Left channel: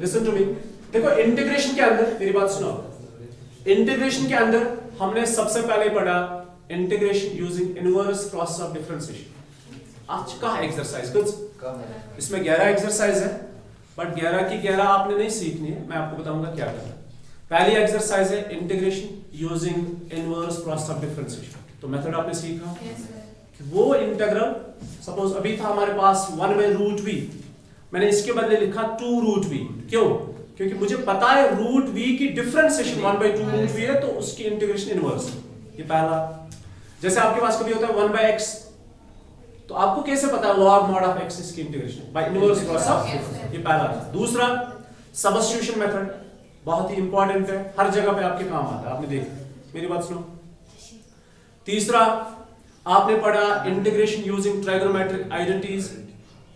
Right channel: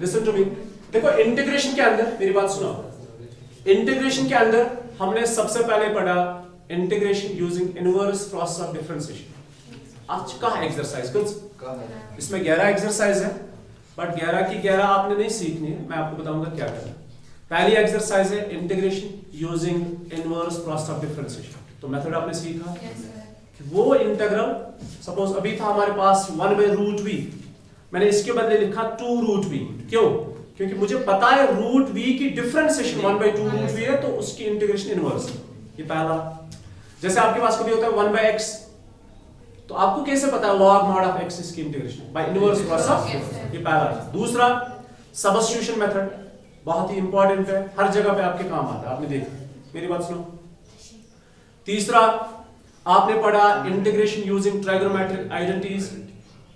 Listen to me. देखो integration के अंदर मेरी बात सुनो, इंटीग्रेशन के अंदर हमने सबसे पहले पढ़ा integration using inverse process of differentiation. आज का एक्सरसाइज कुछ इसमें 11 एक्सरसाइज है, बट 11 की 11 आपने नहीं सीखनी है, मैं आपको बताऊंगा क्या करना है। पहली एक्सरसाइज है integration using inverse process of differentiation. तो मेथड आपने सीखा कि वो इंटीग्रल सपोज अभी था हमारे पास 1/√v, मैंने इसके बदले लिखा 2√v। क्यों? क्योंकि मुझे पता है √v की डिफरेंशिएशन 1/2√v है, तो उसकी इंटीग्रेशन इनवर्स। ये पहला। जैसे आपके पास कभी होता है 1/x, तो आपको कैसे पता है log mod of x इसकी integration? By inverse process of. ये पहला था। दूसरा सबस्टिट्यूशन मेथड, बहुत ही इंपॉर्टेंट है, हर जगह पे आपके काम आता है, आपने देखा। मेरी बात सुनो। तीसरा आपने पढ़ा इंटीग्रेशन यूजिंग ट्राइगोनोमेट्रिक आइडेंटिटीज।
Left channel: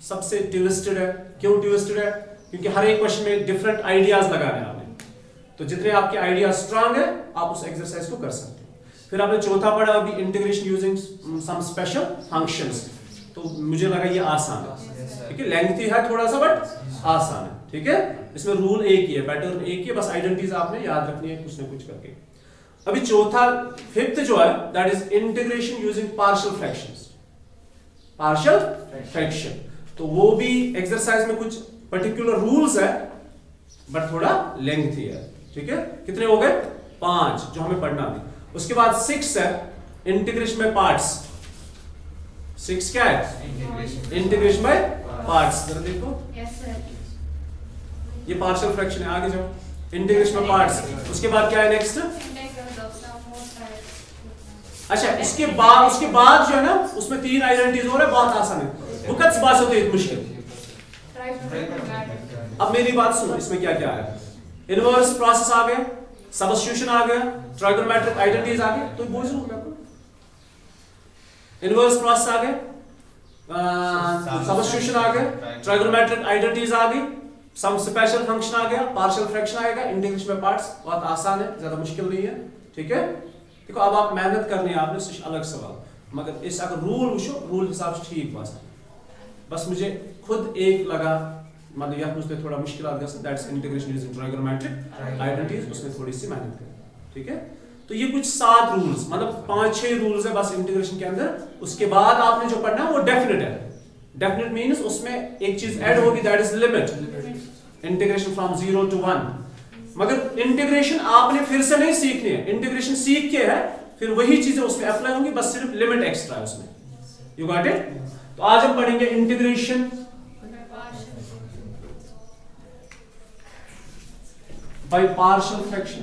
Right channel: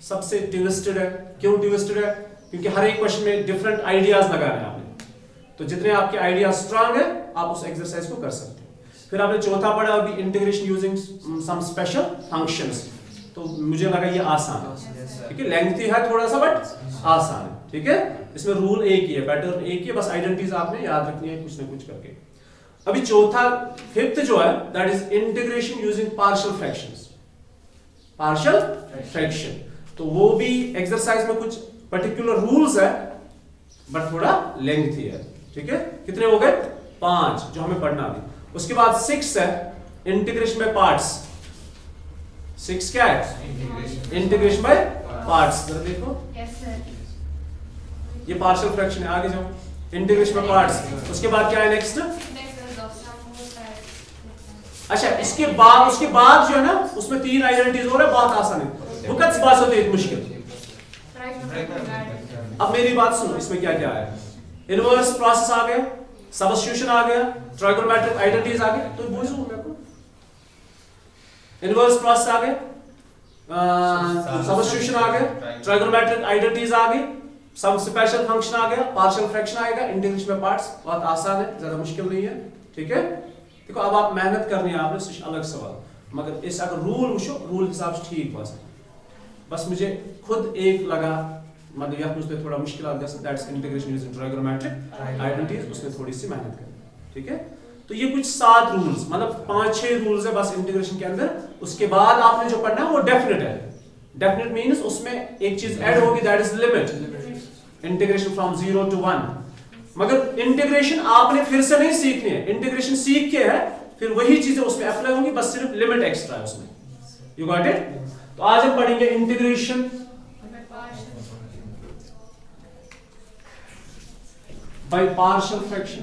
सबसे ट्विस्टेड है। क्यों ट्विस्टेड है? क्योंकि हर एक क्वेश्चन में डिफरेंट आइडियाज लगाने हैं आपने, तो जितने आपके आइडियाज स्ट्रांग है आप उस एक्सरसाइज को कर सकते हैं। फिर आपने चौथा पढ़ा अभी integration using some special functions, तो मुझे लगा ये आसान है, ठीक है, लेंथी है थोड़ा सा बट आसान है, ठीक है। इसमें रूल एक ही है, पैटर्न एक ही है, बस आइडेंटिटीज आपने याद रखनी है कुछ ना कुछ करके। अभी चौथा फिफ्थ जो है that is integration using partial fractions. Partial fraction, तो वो भी एक्सरसाइज में कुछ पर्टिकुलर रूल्स है बट थोड़ा लेंथी है, ठीक है। कितने हो गए? 5 जो हमें पढ़ना अभी। उसके बाद 6 है इंटीग्रेशन बाय पार्ट्स। 6 क्या है? Integration by parts. जरा देखो, ये पार्शियल फ्रैक्शन है। आगे जाओ, इंटीग्रेशन बाय पार्ट्स। उसके बाद क्या है नेक्स्ट? अच्छा, इसके बाद उसके बाद जो है ना उसमें 3 आइडेंटिटीज हो रहा है, बहुत आसान है, वक्त बात होती है मुश्किल। अब मेरी बात सुनो, इसमें क्या क्या है? इनवर्स प्रोसेस आ गया, सबस्टिट्यूशन आ गया, ट्राइगोनोमेट्रिक आइडेंटिटीज आ गए, तो बोल दूं मैं को इनवर्स प्रोसेस आ गए, सबस्टिट्यूशन आ गया, ट्राइगोनोमेट्रिक आइडेंटिटीज आ गई, सम स्पेशल फंक्शन आ गया, पार्शियल फ्रैक्शन आएगा, इंटीग्रेशन बाय पार्ट्स। बहुत आसान है, ज्यादा मुश्किल नहीं है, ठीक है। देखो अब आप मेहनत करनी है आपने, सह अलग सवाल, मगर इस अगर रूल वुचो रूल हिसाब से ठीक बस मुझे खुद एक लगा, मतलब यह मुझे थोड़ा मुश्किल that's integration using trigonometric identities, उसमें थोड़ी सी मेहनत करें, ठीक है। तो ये कुछ 7 रूल्स, मतलब 5-6 रूल्स है बस इंटीग्रेशन के अंदर। उसके बाद आपने जो पढ़ना है वो डेफिनेट है। डेफिनेट मींस उसमें एक चीज ऐड होगी that is limit, integration from 0 to 1। मगर इंटीग्रेशन आपने फिर से नहीं सीखनी है, इंटीग्रेशन सीख के है फिर वही चीजें उसमें अप्लाई होंगी, बस सिर्फ लिमिट एक्स्ट्रा है उसमें। You got it? तो आज हम पढ़ेंगे integration by partial fraction.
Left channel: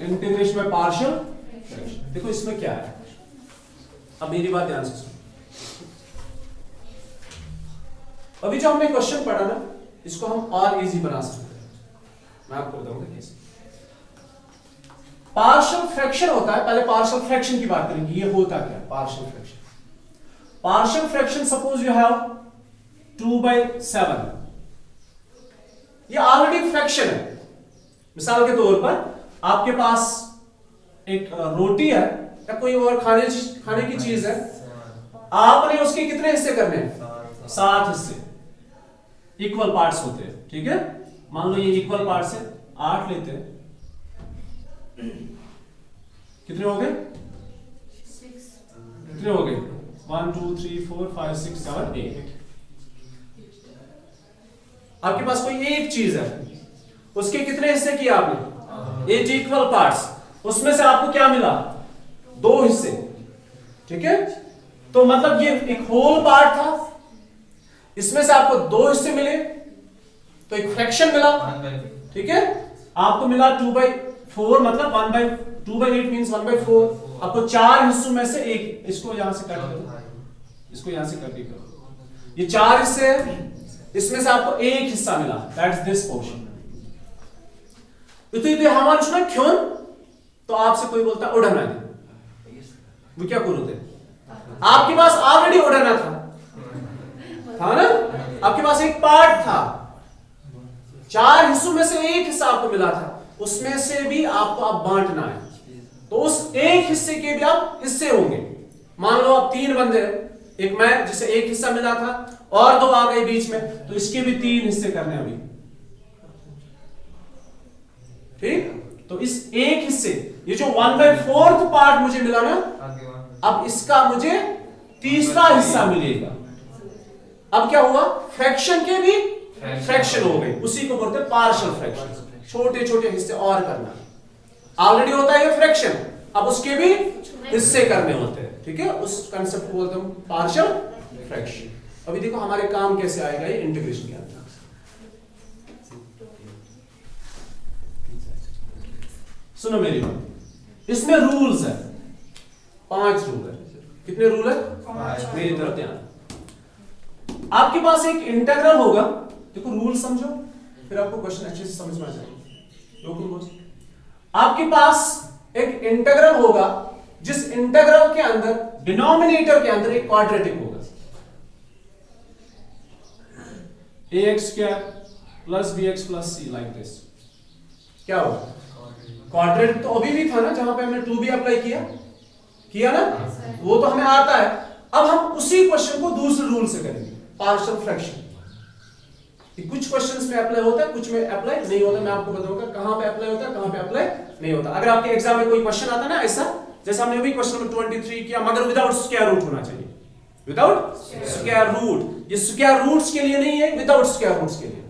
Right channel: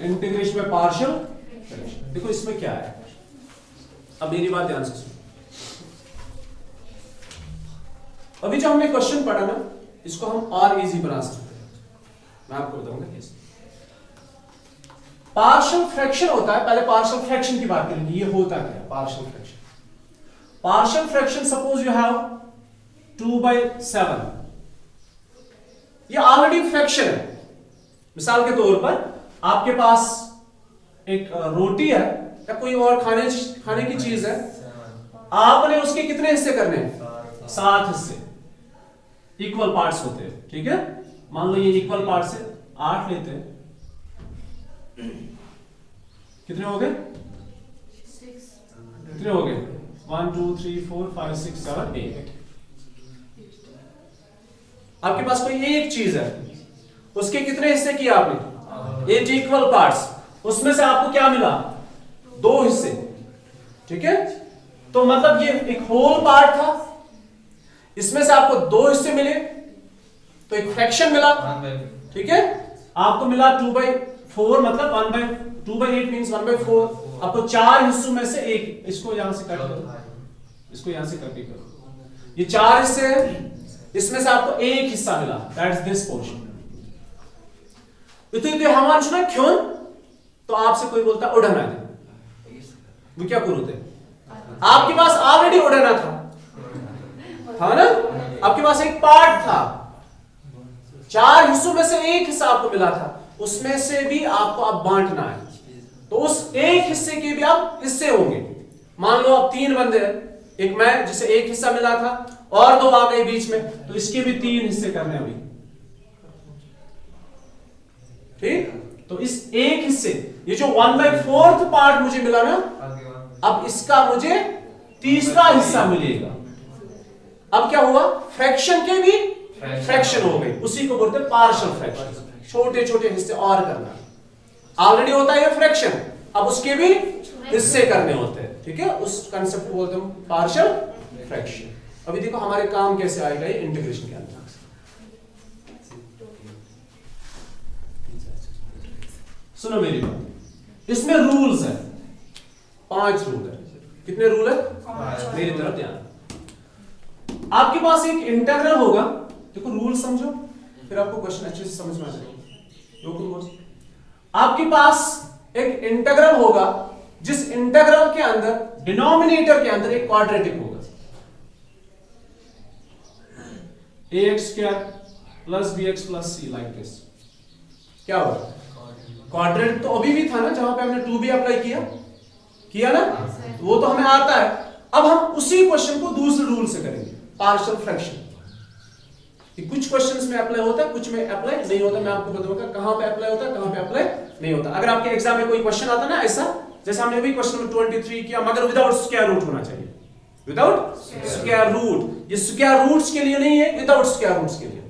Integration by partial fraction. देखो इसमें क्या है, अब मेरी बात ध्यान से सुनो। अभी जो हमने क्वेश्चन पढ़ा ना, इसको हम और इजी बना सकते हैं, मैं आपको बताऊंगा कैसे। पार्शियल फ्रैक्शन होता है, पहले पार्शियल फ्रैक्शन की बात करेंगे, ये होता क्या है partial fraction. Partial fraction suppose you have 2/7, ये ऑलरेडी फ्रैक्शन है। मिसाल के तौर पर आपके पास एक रोटी है या कोई और खाने की चीज है, आपने उसके कितने हिस्से करने हैं? 7 हिस्से, इक्वल पार्ट्स होते हैं, ठीक है। मान लो ये इक्वल पार्ट्स है, 8 लेते हैं, कितने हो गए? 6। कितने हो गए? 1 2 3 4 5 6 7 8। आपके पास कोई एक चीज है, उसके कितने हिस्से किए आपने? 8 इक्वल पार्ट्स, उसमें से आपको क्या मिला? 2 हिस्से, ठीक है। तो मतलब ये एक होल पार्ट था, इसमें से आपको 2 हिस्से मिले, तो एक फ्रैक्शन मिला, ठीक है। आपको मिला 2/4, मतलब 2/8 मींस 1/4। आपको 4 हिस्सों में से एक, इसको यहां से कट करो, इसको यहां से कट करो, ये 4 हिस्से हैं, इसमें से आपको एक हिस्सा मिला, दैट्स दिस पोर्शन। इथे हमारे सुना क्यों, तो आपसे कोई बोलता उड़ाना है, वो क्या करोगे? आपके पास ऑलरेडी उड़ाना था ना, आपके पास एक पार्ट था, 4 हिस्सों में से एक हिस्सा आपको मिला था, उसमें से भी आपको अब बांटना है, तो उस एक हिस्से के भी आप हिस्से होंगे। मान लो आप 3 बंदे हैं, एक मैं जिसे एक हिस्सा मिला था और 2 आ गए बीच में, तो इसके भी 3 हिस्से करने अभी। ठीक, तो इस एक हिस्से, ये जो 1/4 पार्ट मुझे मिला ना, अब इसका मुझे तीसरा हिस्सा मिलेगा। अब क्या हुआ, फ्रैक्शन के भी फ्रैक्शन हो गई, उसी को बोलते हैं पार्शियल फ्रैक्शन। छोटे छोटे हिस्से और करना, ऑलरेडी होता है ये फ्रैक्शन, अब उसके भी हिस्से करने होते हैं। ठीक है, उस कंसेप्ट को बोलते हैं पार्शियल फ्रैक्शन। अभी देखो हमारे काम कैसे आएगा ये इंटीग्रेशन के अंदर। सुनो मेरी बात, इसमें रूल्स है, 5 रूल है। कितने रूल है? 5। मेरी तरफ ध्यान। आपके पास एक इंटीग्रल होगा, देखो रूल समझो, फिर आपको क्वेश्चन अच्छे से समझ में आ जाएगा। आपके पास एक इंटीग्रल होगा, जिस इंटीग्रल के अंदर डिनोमिनेटर के अंदर एक क्वाड्रेटिक होगा, ax² + bx + c like this. क्या होगा? क्वाड्रेटिक तो अभी भी था ना, जहां पे हमने 2b अप्लाई किया ना, वो तो हमें आता है। अब हम उसी क्वेश्चन को दूसरे रूल से करेंगे, पार्शियल फ्रैक्शन। कुछ क्वेश्चंस में अप्लाई होता है, कुछ में अप्लाई नहीं होता। मैं आपको बताऊंगा कहां पे अप्लाई होता है, कहां पे अप्लाई नहीं होता। अगर आपके एग्जाम में कोई क्वेश्चन आता ना ऐसा, जैसे हमने अभी क्वेश्चन नंबर 23 किया, मगर विदाउट स्क्वायर रूट होना चाहिए, विदाउट स्क्वायर रूट। ये स्क्वायर रूट्स के लिए नहीं है, विदाउट स्क्वायर रूट्स के लिए।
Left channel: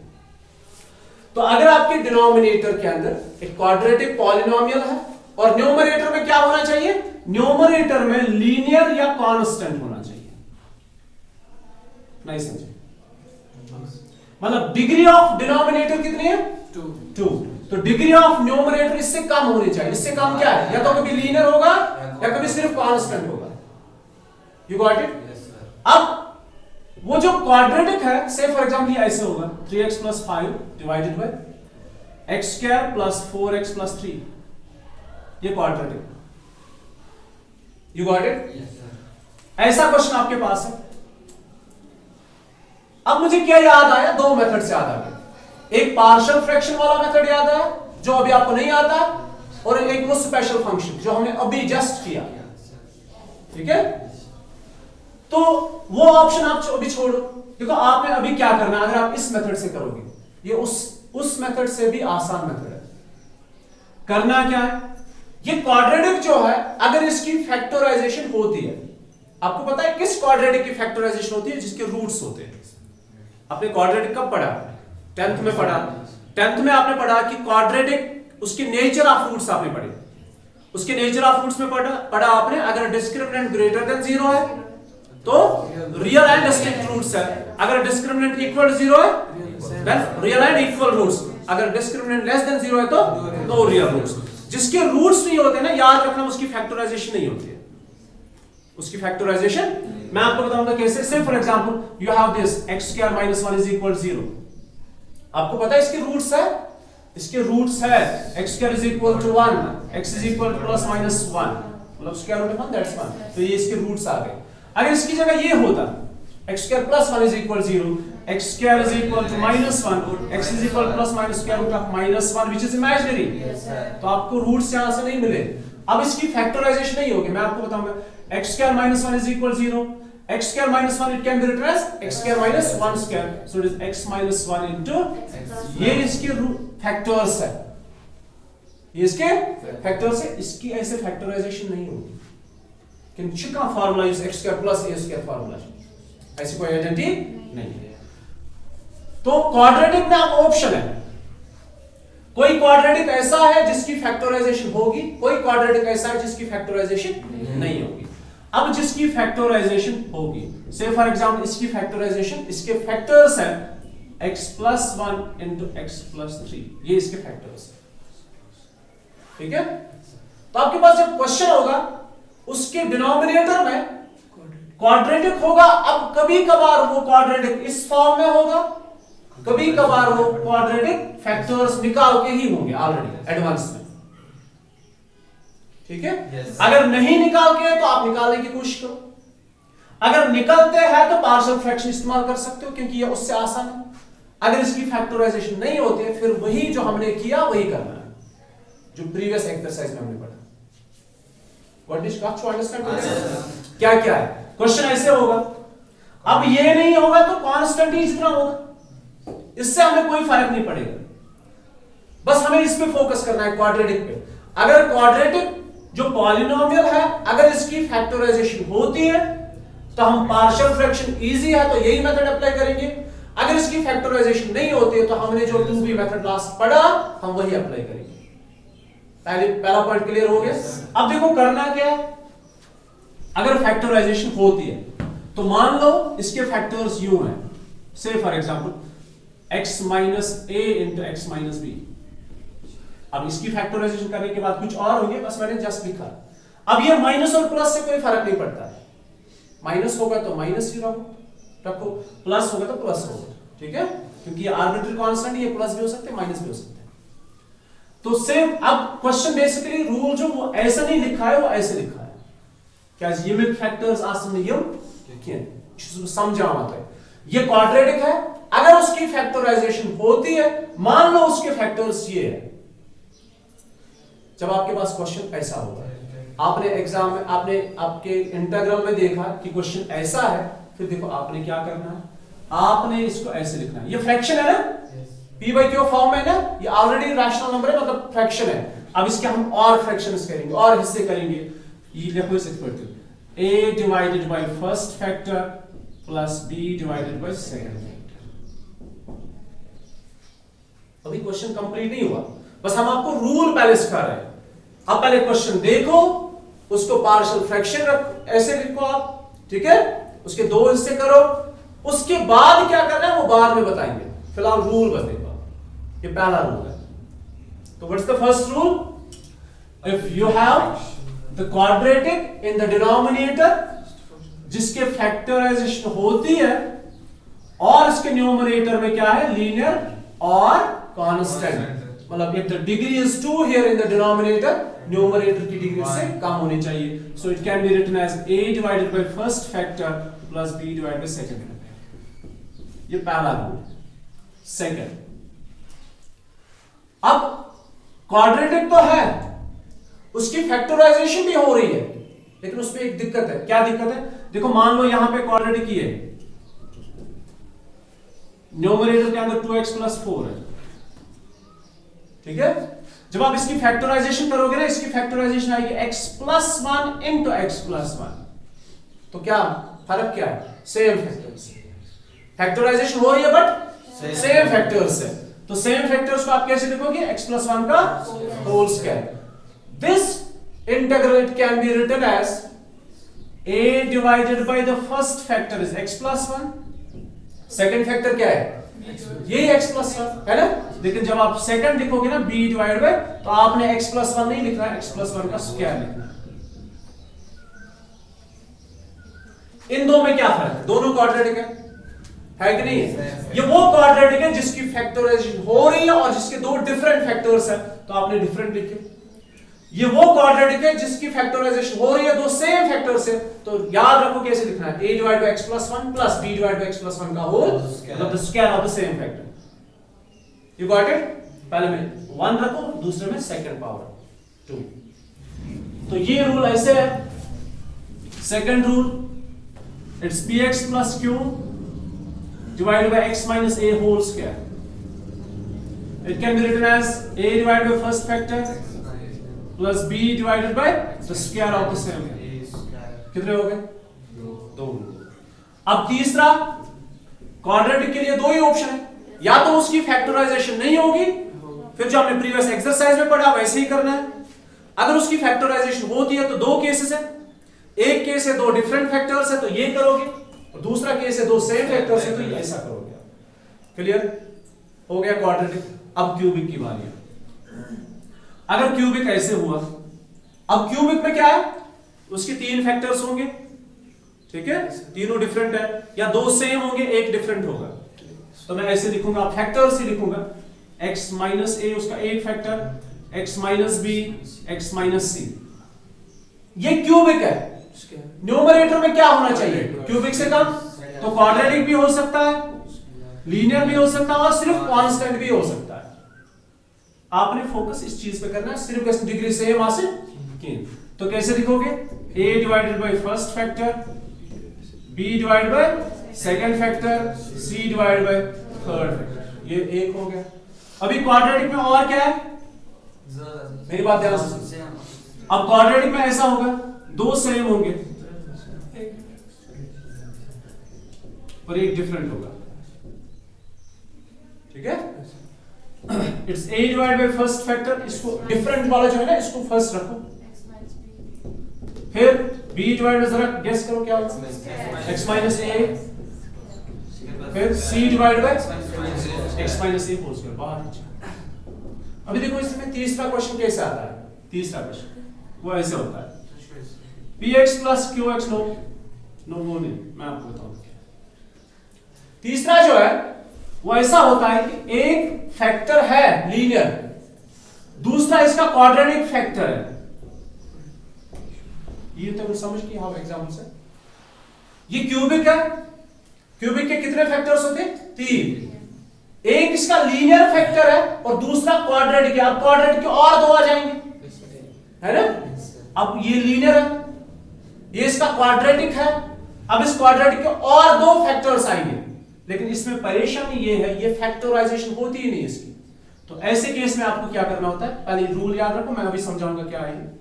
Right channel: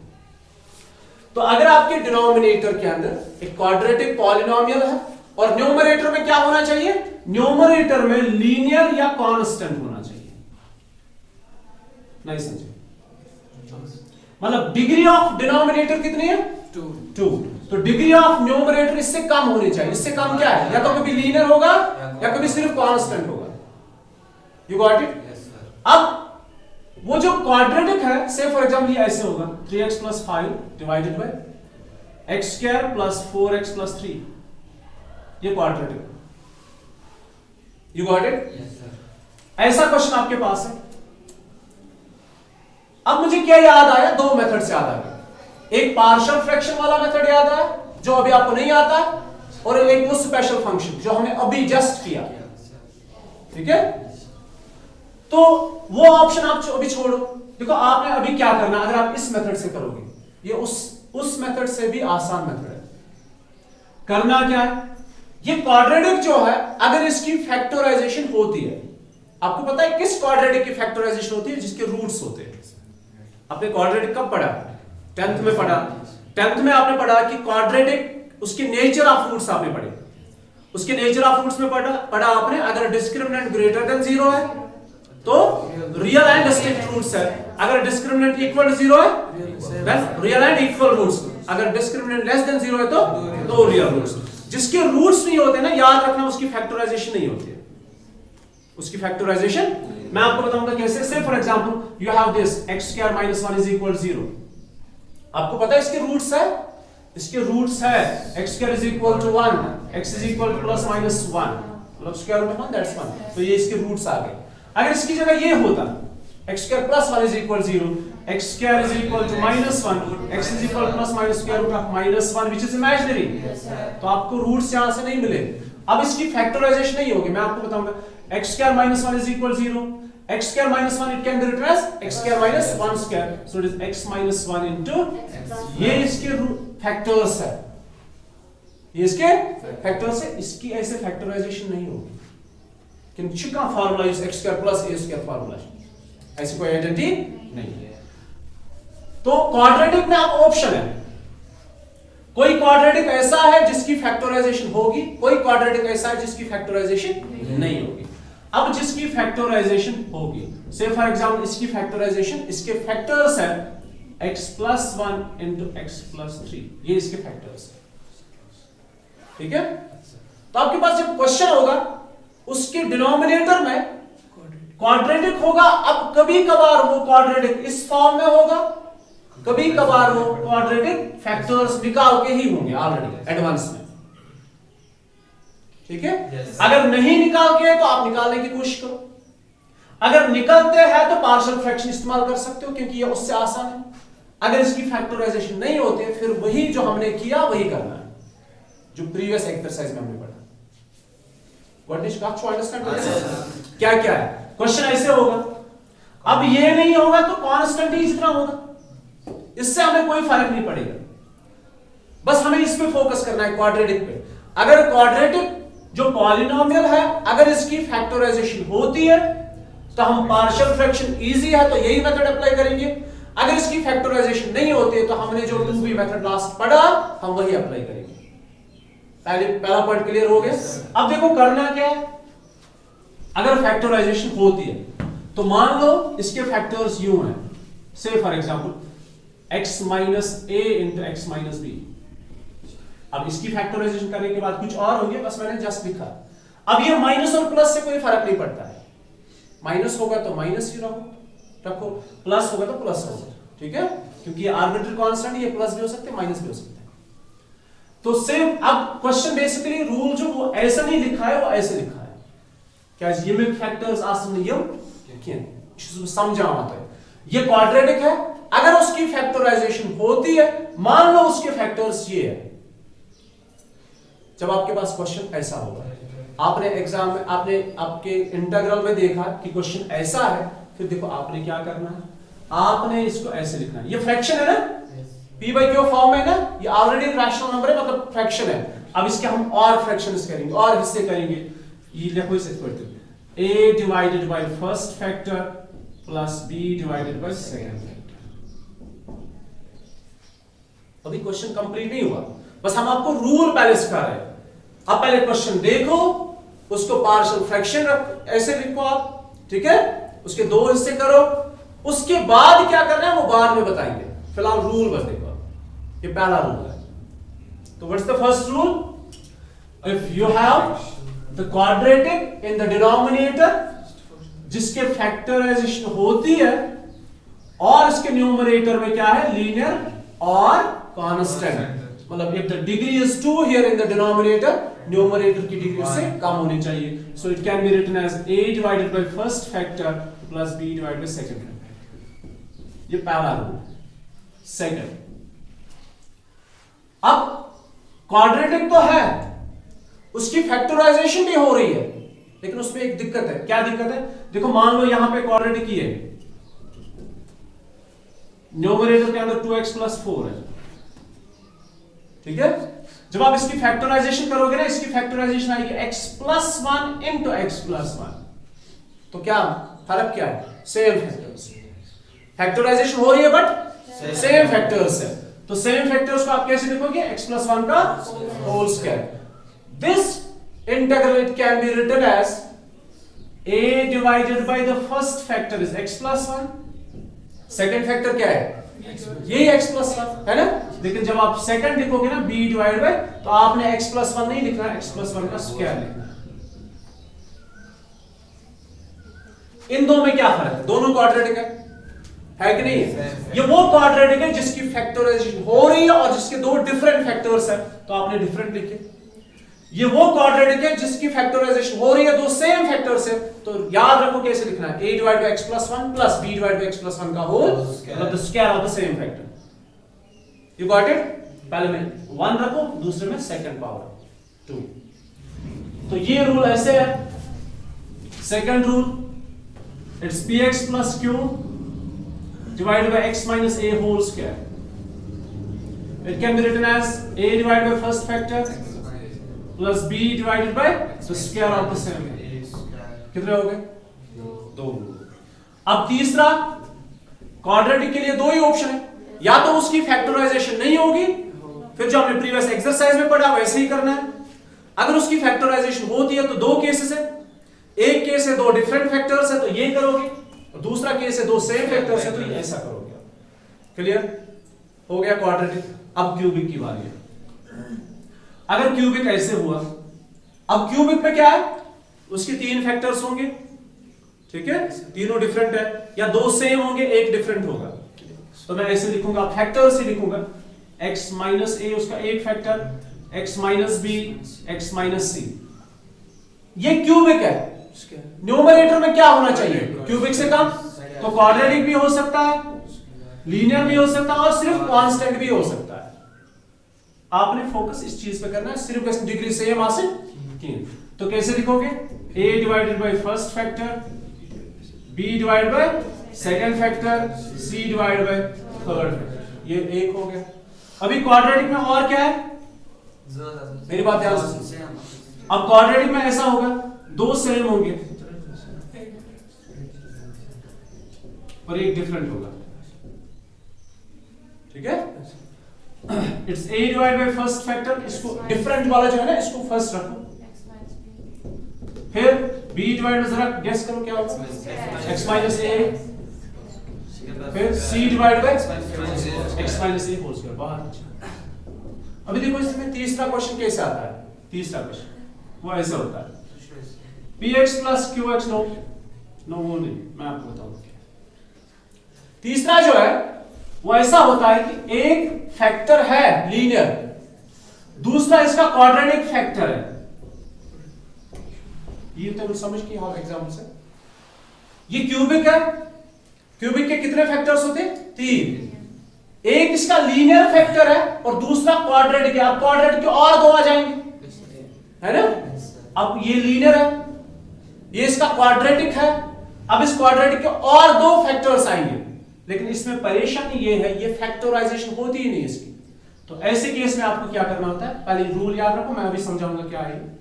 तो अगर आपके डिनोमिनेटर के अंदर एक क्वाड्रेटिक पॉलिनोमियल है और न्यूमरेटर में क्या होना चाहिए, न्यूमरेटर में लीनियर या कांस्टेंट होना चाहिए। नहीं समझे? मतलब डिग्री ऑफ डिनोमिनेटर कितनी है? 2। तो डिग्री ऑफ न्यूमरेटर इससे कम होनी चाहिए। इससे कम क्या है, या तो कभी लीनियर होगा या कभी सिर्फ कांस्टेंट होगा। You got it? अब वो जो क्वाड्रेटिक है, से फॉर एग्जांपल ये ऐसे होगा, 3x + 5 divided by x² + 4x + 3। ये क्वाड्रेटिक। You got it? ऐसा क्वेश्चन आपके पास है। अब मुझे क्या याद आया, 2 मेथड से याद आ गया। एक पार्शियल फ्रैक्शन वाला मेथड याद आया, जो अभी आपको नहीं आता है, और एक वो स्पेशल फंक्शन जो हमने अभी जस्ट किया। ठीक है, तो वो ऑप्शन आप अभी छोड़ो। देखो आपने अभी क्या करना, अगर आप इस मेथड से करोगे, ये उस मेथड से भी आसान मेथड है। करना क्या है, ये क्वाड्रेटिक जो है, अगर इसकी फैक्टराइजेशन होती है, आपको पता है किस क्वाड्रेटिक की फैक्टराइजेशन होती है? जिसके रूट्स होते हैं। आपने क्वाड्रेटिक कब पढ़ा? 10th में पढ़ा। 10th में आपने पढ़ा कि क्वाड्रेटिक, उसकी नेचर ऑफ रूट्स आपने पढ़े। उसके नेचर ऑफ रूट्स में पढ़ा आपने, अगर डिस्क्रिमिनेंट ग्रेटर देन 0 है तो रियल एंड डिस्टिंक्ट रूट्स है, अगर डिस्क्रिमिनेंट इक्वल टू 0 है then real and equal roots, अगर डिस्क्रिमिनेंट लेस देन 0 है तो नो रियल रूट्स। जिसके रूट्स नहीं होते ना, याद रखना, उसकी फैक्टराइजेशन नहीं होती है। उसकी फैक्टराइजेशन मैं आपको बताऊंगा कैसे। से for example you have this x² - 1 = 0। आपको पता है इसके रूट्स है, इसके रूट्स है x² = 1, x = ±1, मतलब स्क्वायर रूट ऑफ 1 दैट्स 1। तो ये इसके रूट्स आ गए। अगर इसकी जगह ये होता x² + 1 = 0, x² = -1, x = ±1 which is imaginary, तो आपको रूट्स यहां से नहीं मिले। अब इसकी फैक्टराइजेशन नहीं होगी, मैं आपको बताऊंगा। x² - 1 = 0, x² - 1 it can be written as x² - 1², so it is x - 1 into, ये इसके फैक्टर्स है, ये इसके फैक्टर्स है। इसकी ऐसे फैक्टराइजेशन नहीं होगी। किंतु का formula is x² + a² formula, ऐसी कोई आइडेंटिटी नहीं है। तो क्वाड्रेटिक में आप ऑप्शन है, कोई क्वाड्रेटिक ऐसा है जिसकी फैक्टराइजेशन होगी, कोई क्वाड्रेटिक ऐसा है जिसकी फैक्टराइजेशन नहीं होगी। अब जिसकी फैक्टराइजेशन होगी, से फॉर एग्जांपल इसकी फैक्टराइजेशन, इसके फैक्टर्स है x + 1 into x + 3, ये इसके फैक्टर्स है। ठीक है, तो आपके पास जब क्वेश्चन होगा उसके डिनोमिनेटर में क्वाड्रेटिक होगा। अब कभी कभार वो क्वाड्रेटिक इस फॉर्म में होगा, कभी कभार वो क्वाड्रेटिक फैक्टर्स निकाल के ही होंगे ऑलरेडी एडवांस में। ठीक है, अगर नहीं निकाल के तो आप निकालने की कोशिश करो, अगर निकलते हैं तो पार्शियल फ्रैक्शन इस्तेमाल कर सकते हो, क्योंकि ये उससे आसान है। अगर इसकी फैक्टराइजेशन नहीं होते, फिर वही जो हमने किया वही करना है, जो प्रीवियस एक्सरसाइज में हमने पढ़ा। What is got to understand? क्या क्या है क्वेश्चन ऐसे होगा, अब ये नहीं होगा तो कांस्टेंट ही जितना होगा, इससे हमें कोई फर्क नहीं पड़ेगा, बस हमें इस पे फोकस करना है, क्वाड्रेटिक पे। अगर क्वाड्रेटिक जो पॉलिनोमियल है, अगर इसकी फैक्टराइजेशन होती है तो हम पार्शियल फ्रैक्शन इजी है तो यही मेथड अप्लाई करेंगे, अगर इसकी फैक्टराइजेशन नहीं होती है तो हमने जो 2b मेथड लास्ट पढ़ा हम वही अप्लाई करेंगे। पहला पॉइंट क्लियर हो गया। अब देखो करना क्या है, अगर फैक्टराइजेशन होती है तो मान लो इसके फैक्टर्स यूं हैं, say for example x minus a into x minus b. अब इसकी फैक्टराइजेशन करने के बाद कुछ और होंगे, बस मैंने जस्ट लिखा। अब ये माइनस और प्लस से कोई फर्क नहीं पड़ता है, माइनस होगा तो माइनस ही रखो, प्लस होगा तो प्लस होगा, ठीक है, क्योंकि आर्बिट्ररी कांस्टेंट, ये प्लस भी हो सकते हैं माइनस भी हो सकते हैं। तो सेम अब क्वेश्चन बेसिकली रूल जो वो ऐसा नहीं लिखा है, वो ऐसे लिखा है, क्या यूनिट फैक्टर्स समझा आता है। ये क्वाड्रेटिक है, अगर उसकी फैक्टराइजेशन होती है, मान लो उसके फैक्टर्स ये है, जब आपके पास क्वेश्चन ऐसा होगा, आपने एग्जाम में आपने आपके इंटीग्रल में देखा कि क्वेश्चन ऐसा है, फिर देखो आपने क्या करना है, आपने इसको ऐसे लिखना है, ये फ्रैक्शन है ना, p बाई क्यू फॉर्म में ना, ये ऑलरेडी रैशनल नंबर है, मतलब फ्रैक्शन है। अब इसके हम और फ्रैक्शंस करेंगे और हिस्से करेंगे, ये देखो इसे पढ़ते a divided bye first factor plus b divided by second factor. अभी क्वेश्चन कंप्लीट नहीं हुआ, बस हम आपको रूल पहले सिखा रहे हैं। अब पहले क्वेश्चन देखो, उसको पार्शियल फ्रैक्शन ऐसे लिखो आप, ठीक है, उसके दो हिस्से करो, उसके बाद क्या करना है वो बाद में बताएंगे, फिलहाल रूल बस देखो। ये पहला रूल है, तो what's the first rule, if you have the quadratic in the denominator, जिसके फैक्टराइजेशन होती है और इसके न्यूमरेटर में क्या है, लीनियर और कांस्टेंट, मतलब if the degree is 2 here in the denominator, numerator की डिग्री से कम होनी चाहिए, so it can be written as a divided by first factor plus b divided by second factor। ये पहला रूल। सेकंड, अब quadratic तो है, उसकी फैक्टराइजेशन भी हो रही है, लेकिन उसमें एक दिक्कत है। क्या दिक्कत है, देखो मान लो यहां पे क्वाड्रेटिक ही है, न्यूमरेटर के अंदर 2x plus 4 है, ठीक है, जब आप इसकी फैक्टराइजेशन करोगे ना, इसकी फैक्टराइजेशन आएगी x plus 1 into x plus 1, तो क्या फर्क क्या है, सेम फैक्टर्स, फैक्टराइजेशन हो रही है बट सेम फैक्टर्स है, तो सेम फैक्टर्स को आप कैसे लिखोगे, x plus 1 का whole square. This integral can be written as a divided by the first factor is x plus 1, second factor क्या है, यही x plus 1 है ना, लेकिन जब आप सेकंड लिखोगे ना b डिवाइड बाय, तो आपने x plus 1 नहीं लिखना है, x plus 1 का स्क्वायर लिखना है। इन दो में क्या फर्क है, दोनों क्वाड्रेटिक है कि नहीं, ये वो क्वाड्रेटिक है जिसकी फैक्टराइजेशन हो रही है और जिसके दो डिफरेंट फैक्टर्स है, तो आपने डिफरेंट लिखे। ये वो क्वाड्रेटिक है जिसकी फैक्टराइजेशन हो रही है, दो सेम फैक्टर्स है, तो याद रखो कैसे लिखना है, a divide by x plus 1 plus b divide by x plus 1 का होल, मतलब the square of the same factor. You got it, पहले में 1 रखो, दूसरे में सेकंड पावर 2, तो ये रूल ऐसे है। Second rule, it's px plus q divided by x minus a whole square. It can be written as a divided by first factor plus b divided by the square of the same factor। कितने हो गए, दो। अब तीसरा, quadratic के लिए दो ही option है, या तो उसकी फैक्टराइजेशन नहीं होगी, फिर जो हमने प्रीवियस एक्सरसाइज में पढ़ा वैसे ही करना है। अगर उसकी फैक्टराइजेशन होती है तो दो केसेस है, एक केस है दो डिफरेंट फैक्टर्स है तो ये करोगे, और दूसरा केस है दो सेम फैक्टर्स है तो ये ऐसा करोगे। क्लियर हो गया क्वाड्रेटिक। अब क्यूबिक की बारी है। अगर क्यूबिक ऐसे हुआ, अब क्यूबिक में क्या है, उसके तीन फैक्टर्स होंगे, ठीक है, तीनों डिफरेंट है, या दो सेम होंगे एक डिफरेंट होगा, तो मैं ऐसे लिखूंगा, फैक्टर्स ही लिखूंगा, x माइनस ए उसका एक factor, x minus B, x minus C. ये क्यूबिक है, न्यूमरेटर में क्या होना चाहिए, क्यूबिक से कम, तो क्वाड्रेटिक भी हो सकता है, लीनियर भी हो सकता है, और सिर्फ कांस्टेंट भी हो सकता है। आपने फोकस इस चीज पे करना है, सिर्फ इस डिग्री सेम आ से 3, तो कैसे लिखोगे, a divided bye first factor, b divided by second factor c divide by third factor, ये एक हो गया। अभी क्वाड्रेटिक में और क्या है, मेरी बात ध्यान से। अब क्वाड्रेटिक में ऐसा होगा, दो सेम होंगे और एक डिफरेंट होगा, ठीक है। It's a divide by first factor, इसको डिफरेंट वाला जो है ना इसको फर्स्ट रखो। फिर b डिवाइड बाय, जरा गेस करो क्या होगा, x माइनस a, फिर c divide by x minus a whole square. बहुत अच्छा। अभी देखो इसमें तीसरा क्वेश्चन कैसे आता है, तीसरा क्वेश्चन वो ऐसा होता है px प्लस qx, नो वो नहीं, मैं आपको बताऊं। तीसरा जो है वो ऐसा होता है कि एक फैक्टर है लीनियर, दूसरा इसका क्वाड्रेटिक फैक्टर है। ये तो समझ की हम एग्जाम्पल से, ये क्यूबिक है, क्यूबिक के कितने फैक्टर्स होते हैं, 3। एक इसका लीनियर फैक्टर है और दूसरा क्वाड्रेटिक है। अब क्वाड्रेटिक के और दो आ जाएंगे, है ना। अब ये लीनियर है, ये इसका क्वाड्रेटिक है, अब इस क्वाड्रेटिक के और दो फैक्टर्स आएंगे। लेकिन इसमें परेशानी ये है, ये फैक्टराइजेशन होती ही नहीं इसकी। तो ऐसे केस में आपको क्या करना होता है, पहले रूल याद रखो, मैं अभी समझाऊंगा क्या है।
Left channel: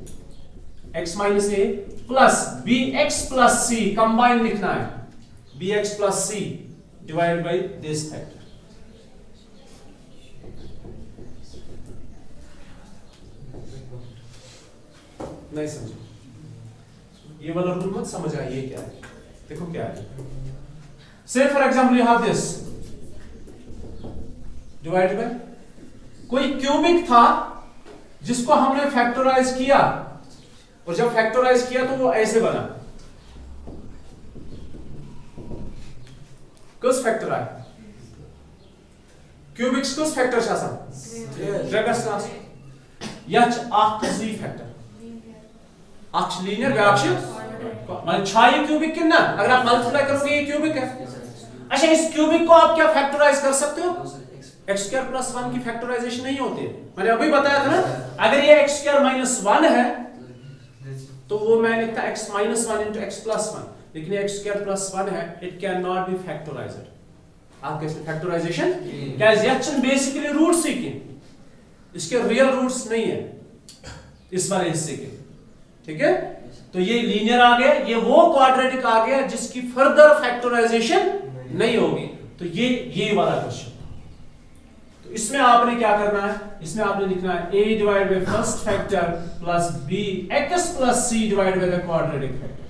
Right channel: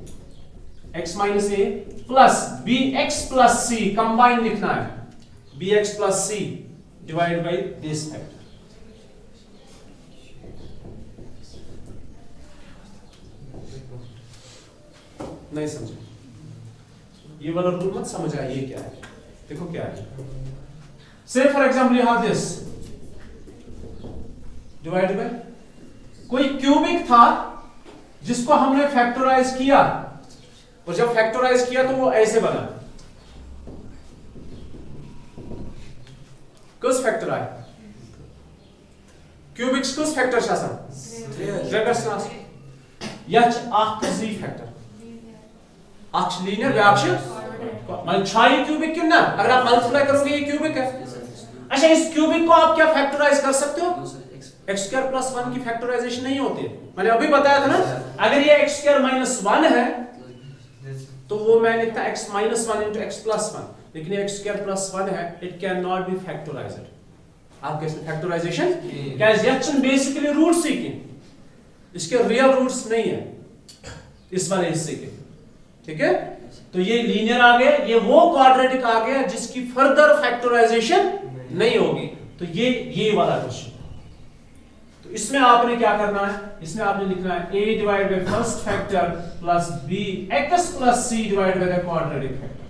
x minus a plus b x plus c combine लिखना है, b x plus c divide by this factor. नहीं समझे, ये वाला रूल मत समझ आइए क्या है। देखो क्या है, से for example you have this divided by, कोई क्यूबिक था जिसको हमने फैक्टराइज किया, और जब फैक्टराइज किया तो वो ऐसे बना। कुछ फैक्टर आए, क्यूबिक्स कुछ फैक्टर्स आसान रेगर्स यच आख जी फैक्टर आख लीनियर व्यापश मान छाई क्यूबिक कितना, अगर आप मल्टीप्लाई करोगे ये क्यूबिक है। अच्छा, इस क्यूबिक को आप क्या फैक्टराइज कर सकते हो, एक्स स्क्वायर प्लस 1 की फैक्टराइजेशन नहीं होती है। मैंने अभी बताया था ना, अगर ये एक्स स्क्वायर माइनस 1 है तो वो मैं लिखता x minus 1 into x plus 1, लेकिन एक्स स्क्वायर प्लस 1 है, it can not be factorised. आप कैसे फैक्टराइजेशन, गाइस यह बेसिकली रूट्स ही की, इसके रियल रूट्स नहीं है इस वाले हिस्से के, ठीक है। तो ये लीनियर आ गया, ये वो क्वाड्रेटिक आ गया जिसकी फर्दर फैक्टराइजेशन नहीं होगी। तो ये वाला क्वेश्चन, तो इसमें आपने क्या करना है, इसमें आपने लिखना है a divide by first factor plus b x plus c divide by the quadratic factor.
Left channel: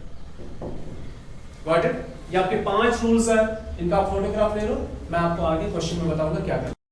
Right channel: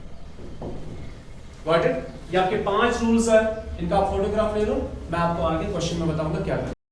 Got it. ये आपके 5 रूल्स है, इनका आप फोटोग्राफ ले लो, मैं आपको आगे क्वेश्चन में बताऊंगा क्या करना है।